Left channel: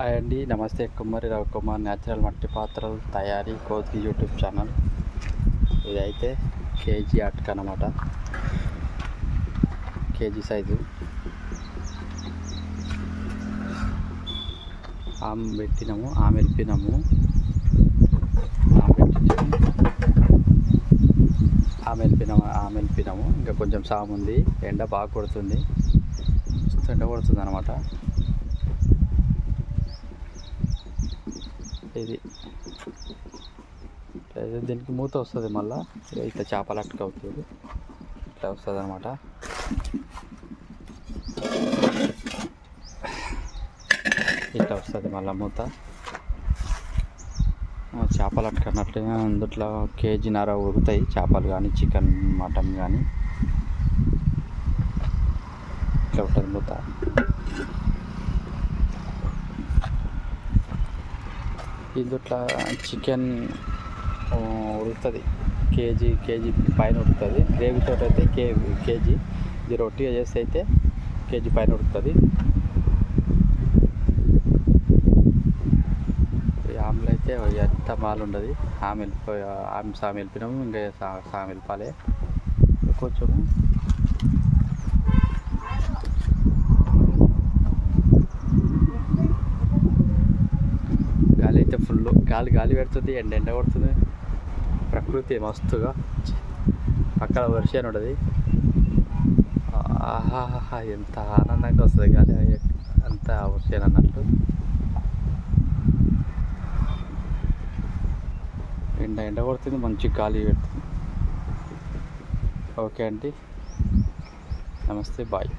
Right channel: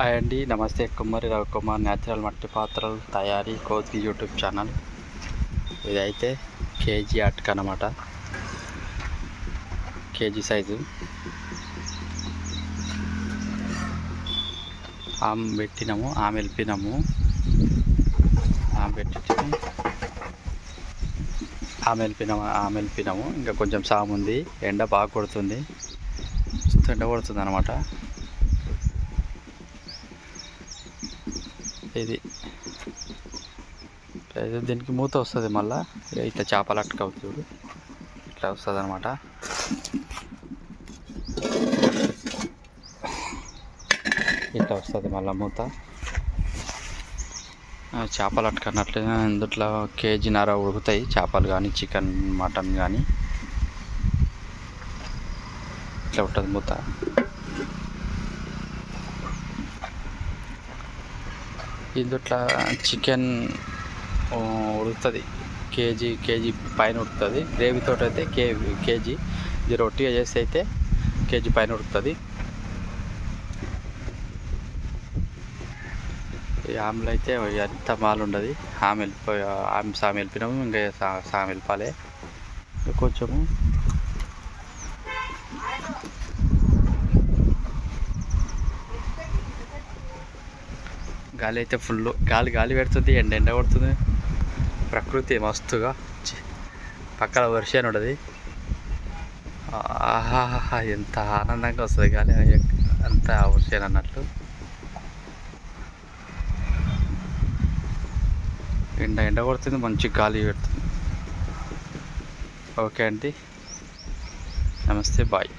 Hi అండి. నమస్తే కుమ్మరి రవికుమార్ న్యాచురల్ మట్టి పాత్రలు తయారీ కోతి యూట్యూబ్ ఛానల్. ఇదైతే కేజీ అట్క అనమాట కేజీ సైజు. ఆమె పెట్టినాము ఆమె వెళ్ళిపోయినాము. ఆమె పెట్టి ఆమె వెళ్ళిపోయినాము ఆమె వెళ్ళిపోయినాము. ఇంకా కొంచెం సాము ఉంది ఎండ బాగా కొడుతుంది. ఎండ కొడుతుంది అనమాట ఇది. అయితే దీనికి మూత వస్తుంది మళ్ళీ. ఇట్లా చేపలు అట్టుకోవచ్చు చూడు. ఇట్లా వస్తుంది అనమాట ఇట్లా వస్తుంది మళ్ళీ మూత. చేపలు అట్టుకున్నట్లే. ఇందుట్లో కేజీన్నర ఉడుకుతాయి. చేపలు కానీ చికెన్ మటన్ కానీ ఇట్లా ఉంటుంది మూత. ఇట్లా చికెన్ ఉడుకుతుంది. కేజీ కేజీ పైన ఉడుకుతుంది. గ్రేవీతో అయితే కే కేజీ. ఇది రొట్టిగా చేస్తే అయితే కేజీ పైన ఉడుకుతుంది. ఈ ఆమెలు అయితే ఎంత మాలు ఉండదు. ఆమె వెళ్ళిపోయి ఆమె సామె వెళ్ళిపోయినాము ఇంకా సా- సామె వెళ్ళిపోలే. కొంచెము గాలి అయితే ఫుల్ గాలి గాలి పెడుతుంది ఎండ ఎండ కొడుతుంది. ప్రకృతి మస్తుగా. పక్కన వర్షం ఉంటుంది ఆహాహా ఎంత ఆనందంగా వస్తుంది గాలి. అంత వర్షం అన్నట్లు. ఎండ ఎండ కొడుతుంది మంచి గాలి పెడుతుంది. ఓకే అండి. నమస్తే బాయ్.